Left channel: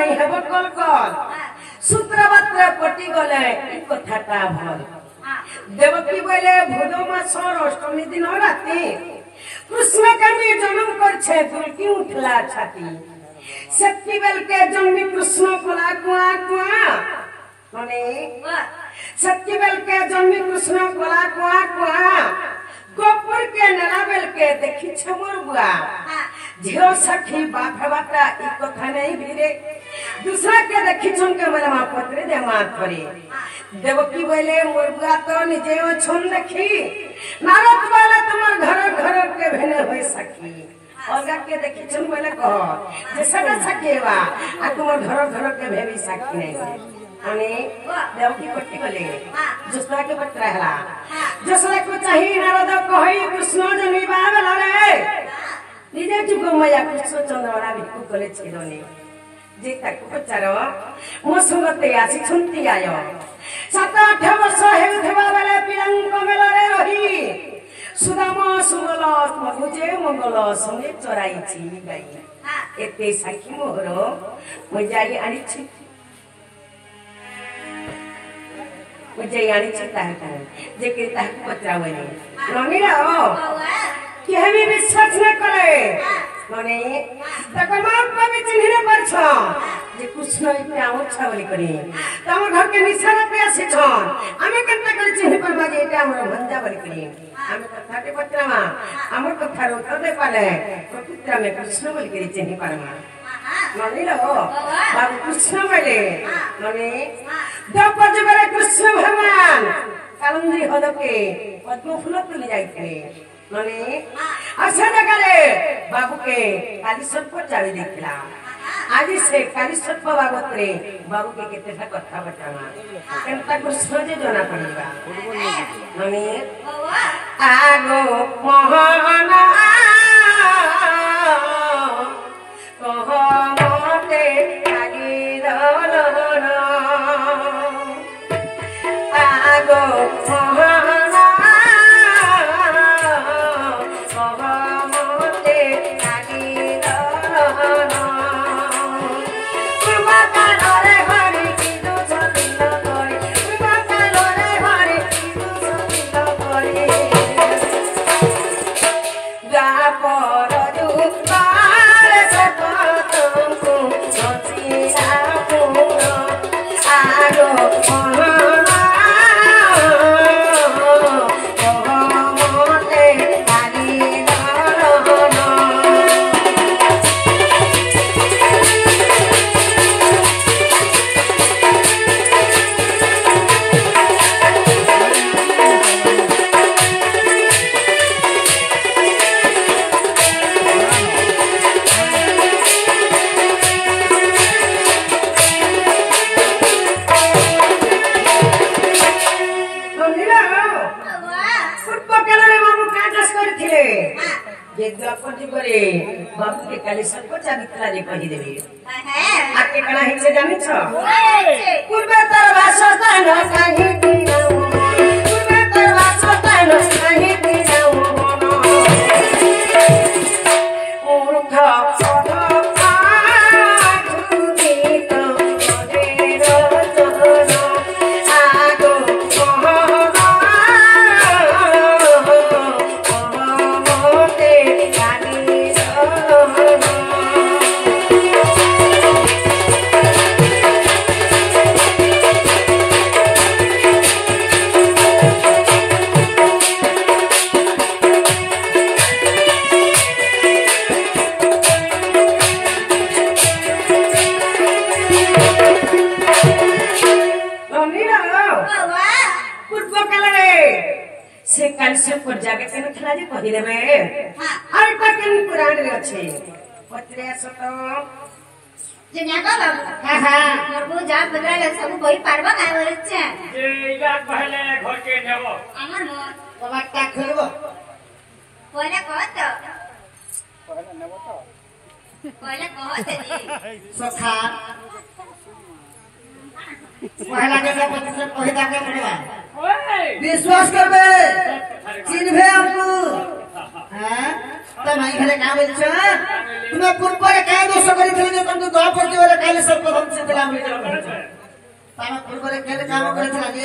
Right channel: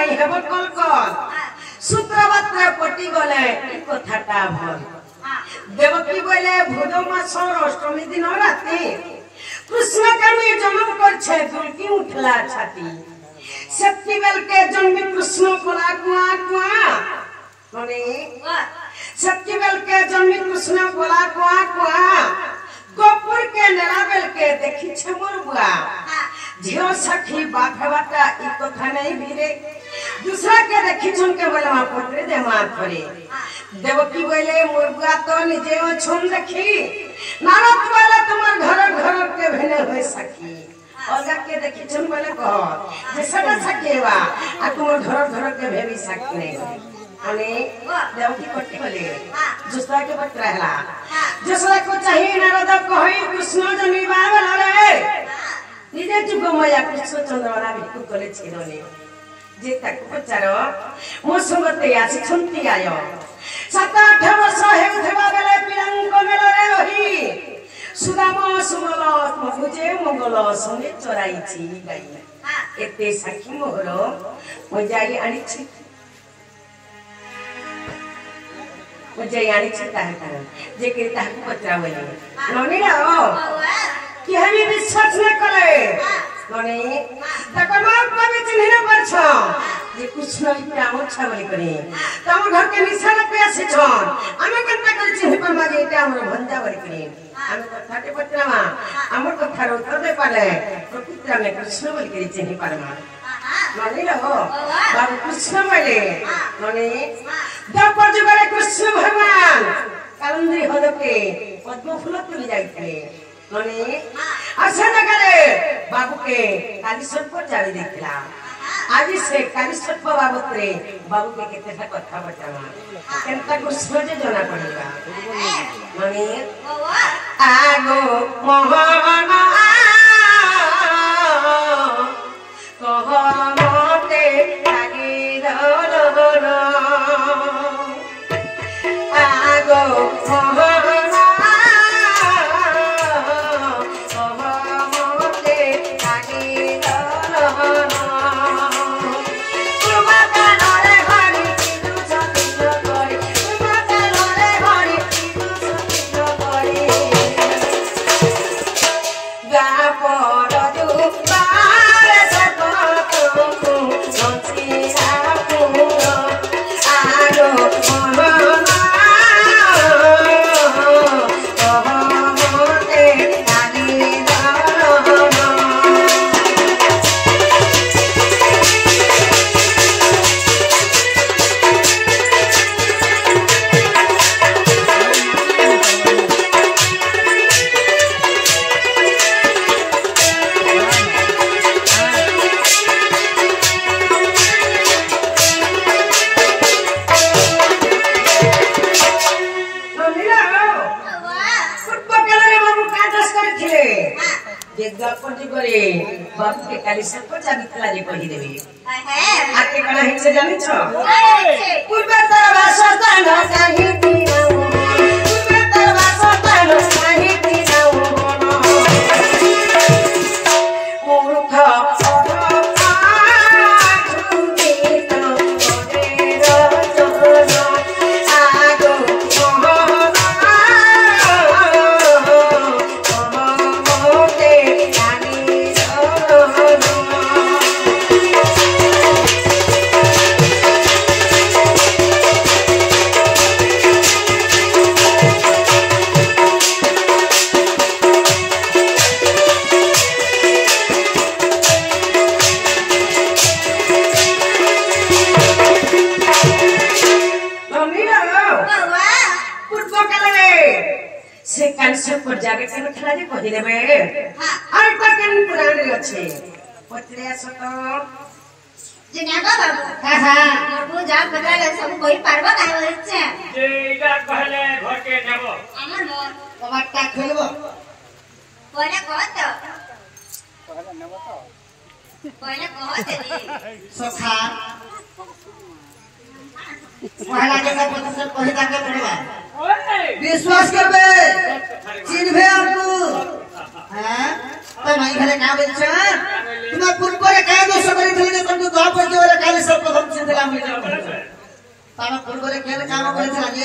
नहीं हेब कल कल सूत्रवत्रे पटी गले ई कथाटा भल देवकी बोले भूद मास अष्टमी दिन राति कृष्ण के जन्म करछे दुलकी उठला छाती शक्ति बेल के जन्मी कृष्ण बोला कुआ कुआ माने शक्ति बेल के जन्मी कृष्ण बोला कुआ कुआ गोपुर के नेला बेल के देखी छे मोर बुआ झियो सखी बाप बाटा ई कथा नहीं भीरे दूसरा के देखी छन के बोले मा पत्रे दे मार करे देवकी बोले मोर बुआ तो निजे छन देखी नारद बोले तुमर घर घर के भेने होई सखी अलगा के देखी छन बोले कह जे सदा सकेवा आ तुमर घर घर के भेरी सखी नहीं अने देवकी पट्टी बोले दूसरा के पत्र हला दूसरा को चाहिए नारद कहि कृष्ण जन्मी बाबे लरे निजे जुग माया कृष्ण चंद्रवाड़ा भिक्कु कले छिरोने जे तक पचारो मो संगते आसी छुंती आयो 7-8 वर्ष हेउ थेबा बेले पिलंक मेलरे रही सुदाम सुमल मगुजे मंगल संगे चराइछि गाई एते साखी मोहर मो जाई आनी छि मो जाई आनी छि ताहा जे के ताहा पचरा बोले ननी ना कि हमें विश्वास न करे माने तकमा कवि चिन्ह परछ जे कुछ नहीं पे आउ छ बोली करे तम घर के निशाना पे आसी छन हमें कन्ता करे चिन्ह पर मागे एटा हमर भंजा बोली करे हम कथाटे पत्रमा हमर कथार उत्तर दे पाले प्रकृति में कृष्ण बोली करे चिन्ह परमा माने लो बाबू कृष्ण बोले माने द्वापर जुगरे कृष्ण भगवान कालंद्री हदके पद्म फूल तुली जाइते माने आशा जगरे बाबू के कालीश्वर पर जावी देखला आज से कालीश्वर बाबत रे बाबू के केते कथा बतावा केनता कृष्ण जे जना पड़ेगा माने आगो मोहन कहमते लागी दलन आगो मोहन बाबू के कालीश्वर को जानितला जे कहि देबे आके कना है से जानि छ पूर्व तर वासस्थान काहे दिनाऊ पूर्व तर वासस्थान काहे दिनाऊ मूर्ख जाके के नथला जे कहि देबे और तकिन पुराण रे अछि पत्रे सत जे न्यागा बाबू हां मोर जा बदला सब कोई पारबा काय होय छै जे इगा कहले घर के नेबो हमर मोर कबाटा खेलबो कोने कहत कहले नेबो तो कोने कहत रे सखा पहला के सब प्रतिशत कहे जाके पड़ेगा ओए विश्वास करबे चिन्हबे हमको हां तो मैं घरे का बोल छ तुम पुन पर का दोष करी थी जे तुम द्वार पर के वाला काले सब को हम से दिला में तारा पुन पर के काम करे छला जे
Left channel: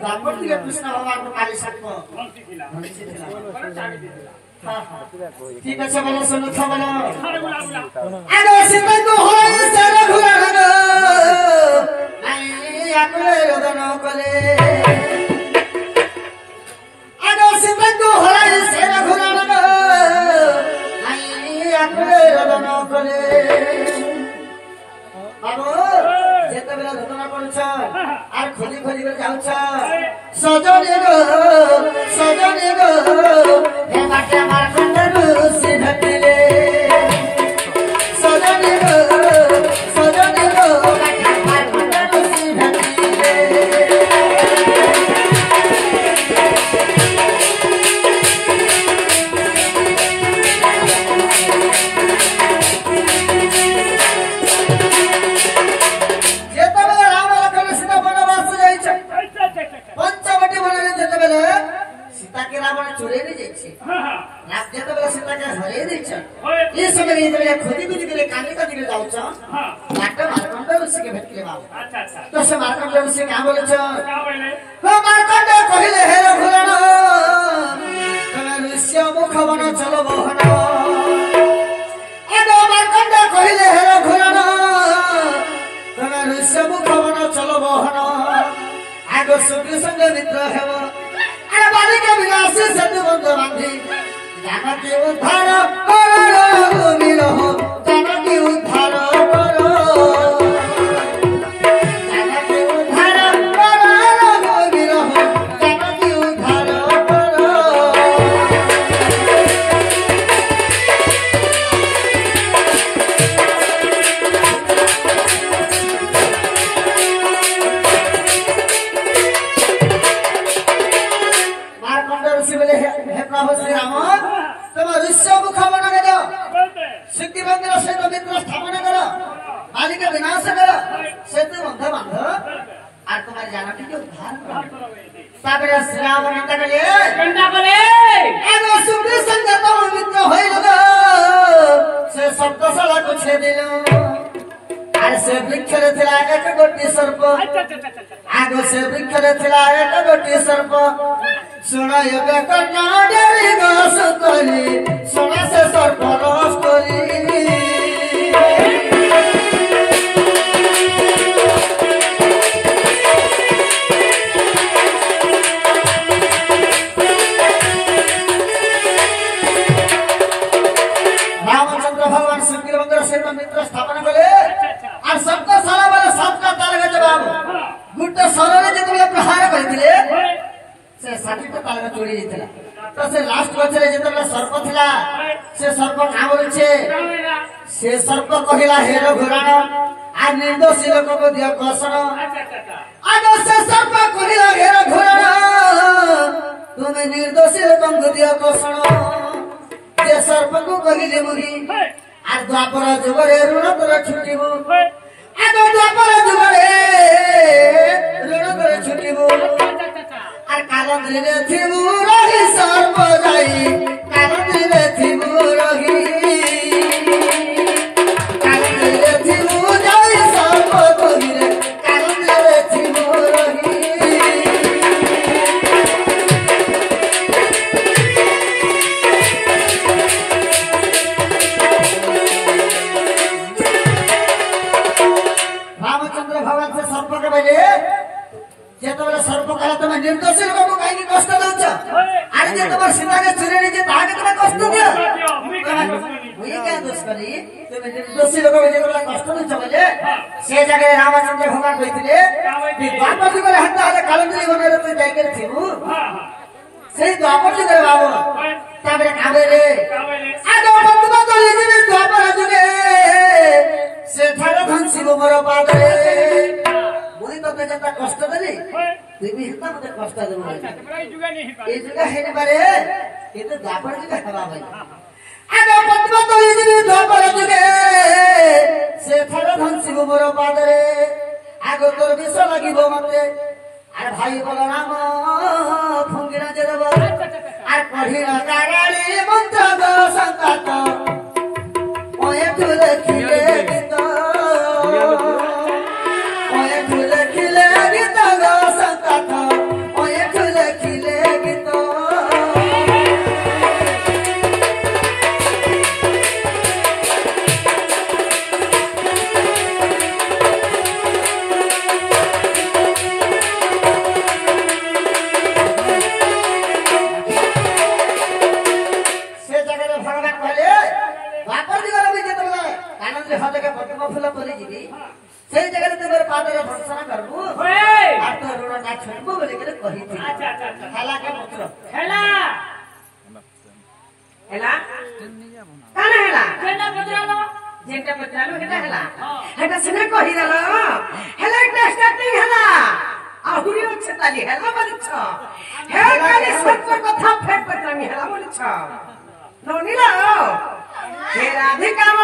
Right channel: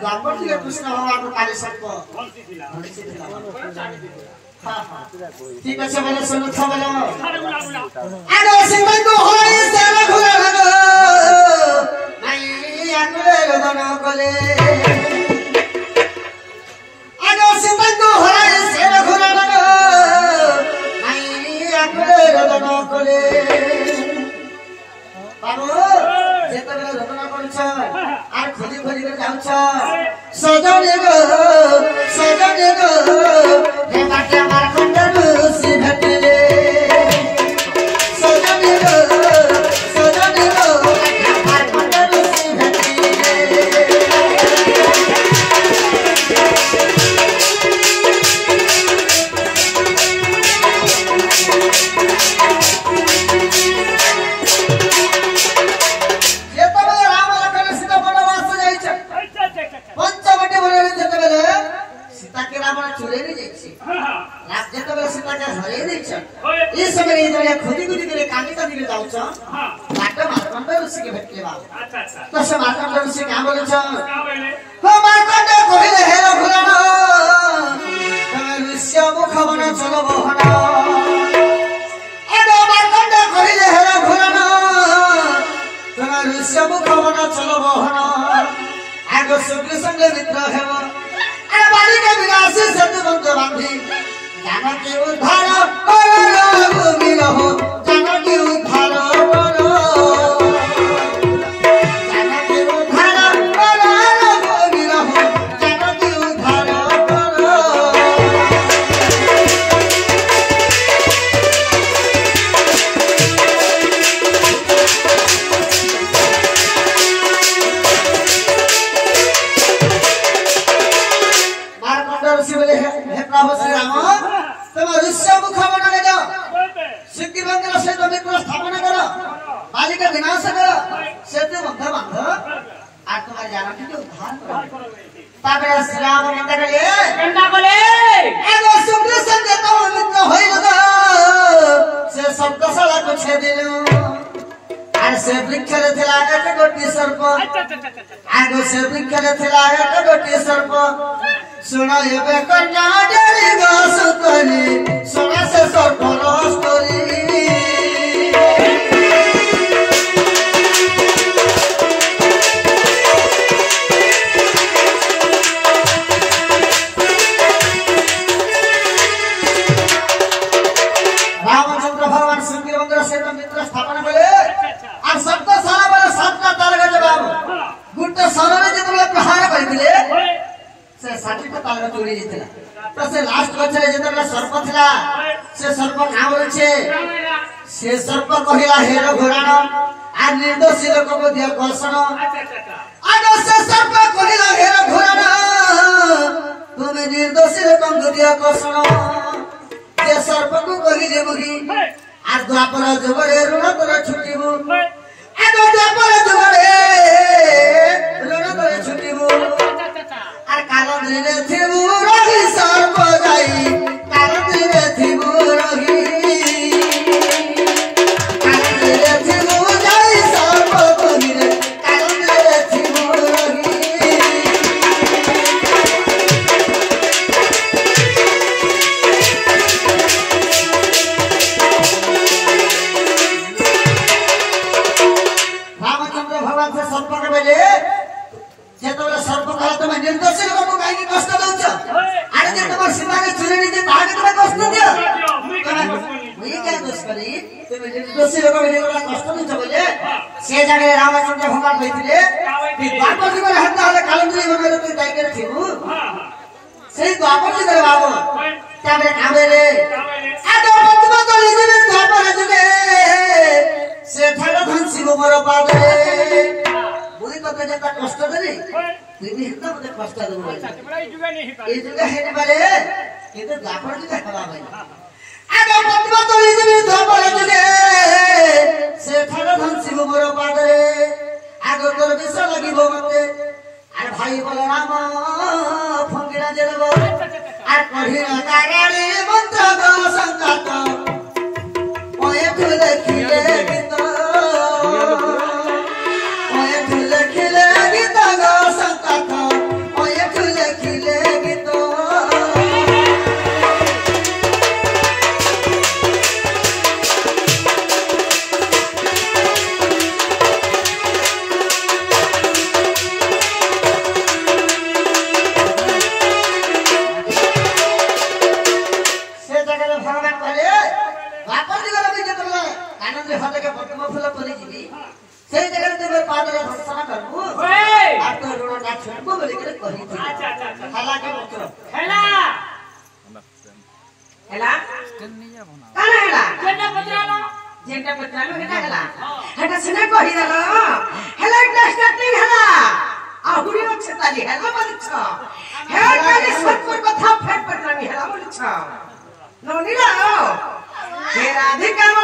द्वार पर के कृष्ण भगवान को काले सब को बंसी थिला ठीक আছে বলো সমর্থ বলো सारे गुला गुला আরে সিন্ধু হই সারা ঘুরা ঘুরা নাই আকলে রদন কলে আরে সিন্ধু হই সারা ঘুরা ঘুরা নাই আকলে রদন কলে বাবু যেতবেলে রদন করছ আর খোঁজি খোঁজি করে যাওছ সজনে গো হে কাটে আমার খন্ডরু সি ভেটিলে সজনে গো কাটে আমার খন্ডরু সি ভেটিলে যেতবেলে রাম লক্ষ্মণ সীতা বনবাস যাইছ अच्छा अच्छा পঞ্চবটি বনে যেতবেলে সীতাকে রাবণ চুরে নিয়ে যাইছে हां রাম যেতবেলে সীতাকে হরিয়ে দিয়েছ ओए এই সময় যেতবেলে খুদি খুদি করে কানে কানে যাওছ हां তাকে মার্কণ্ড ঋষিকে ভেটলে বাবা अच्छा अच्छा তো সে মার্কণ্ড ঋষি কে বলেছ का बोले ও মার্কণ্ড কহিলে হে রঘুরান তুমি ঋষ্য মুখ বন চল বহন এ মার্কণ্ড কহিলে হে রঘুরান তুমি ঋষ্য মুখ বন চল বহন আগ সুখী সঙ্গে মিত্র হেব আরে বালিকা বিনাশী সত্যবন্ত বান্ধি জানকী উদ্ধার করো বিরহ জানকী উদ্ধার করো জানকী উদ্ধার করো বিরহ জানকী উদ্ধার করো মার্কণ্ড ঋষি বলে হে প্রভু শ্রীরাম তোমার ঋষ্য মুখ বনে যাও बोलते सिद्धि मंगल से तो मित्र स्थापना करो बालिका विनाश करो सेतु बंध बांध আর তোমার জানাটি কি উদ্ধার করো करो वे তারপরে শ্রীরাম নিন্দা করলে कंडा बोले এগো সুকৃষ্ণ দেব মিত্র হইল গো সে শব্দ শালা কুছে দিল আর সে বৃক্ষরে ছিল এক গোটি সর্প अच्छा अच्छा अच्छा আগে সে বৃক্ষরে ছিল এক গোটি সর্প শোনা এবে কন্যা ডেরি গাছ করি শোনা সে সর্প রস করি রামচন্দ্র ভগবান শঙ্কর মন্দির সহিত মিত্র স্থাপন কলে अच्छा আর সপ্ত সারা বলে সাতটা তার গেছে বাবু গুটে সরলে যেতবে প্রহার করিলে ओए সে 60টা তার চড়ি যেতলা তো সে লাস্ট বছরে যেতবে সর্প ଥିଲା সে সর্প নাম রয়েছে সে সর্প কহিলা হে রঘুরান আর নির্দোষী লোককে দিও কর্ষণ अच्छा अच्छा আজ সে সর্প কহিলা হে রঘুরান তুমি নির্দোষী লোককে দিও কর্ষণ যে সর্পকু কহিলে মুহি আর দ্বাপর যুগরে ঋণ করে ছুটিব ओए আজ দ্বাপর যুগরে ঋণ করে ছুটিব अच्छा আর কারণ দিলে থিবু রহি সর্প যাই কারণ দিলে থিবু রহি কারণ দিলে থিবু যাই সর্প কহিলে কারণ দিলে থিবু রহি রামচন্দ্র ভগবান সে সর্পকে বলে যেতবেলে সর্প কালা তুমি নির্দোষী লোককে কাহিনী কষ্ট দৌছ আর যে তোমার সীতাকে চুরি নিয়ে তাহাকে তুমি কষ্ট দিও মুই কেন দোষ করি তুমি নির্দোষী লোককে যেতবেলে কষ্ট দৌছ বলে সে জায়গায় রামচন্দ্র ভগবান কইଥିଲେ দ্বাপর যুগরে হাত হলে কালন্দুলি বনের তুই তাই করে থিবু সেই দ্বাপর যুগরে বাবু তারপরে কাবে রে আগে বন্ধুবা চলে যাবে দ্বাপর যুগে সেঠারে ধনসি গোবর পাদরে বুঝি তোকে যেটা কষ্ট দেলি তুই বি হিতা মতে কষ্ট দেবো এই যুগে হেরে পারে কিন্তু দ্বাপর যুগে হেবা ভাই আগে বন্ধুবা চলে যাবে দ্বাপর যুগে সেঠারে ধনসি গোবর পাদরে আগে তোর তোর বিষ লাগিব মতে আর ভাই বলরাম ফঙ্গিরা যে দেব আর কহিল কারালি মন্ত্র গো সংকাত ওয়ে তুলে খিলে গীত ওয়ে তুলে খিলে গীত গো সংকাত ওয়ে তুলে খিলে গীত राधिका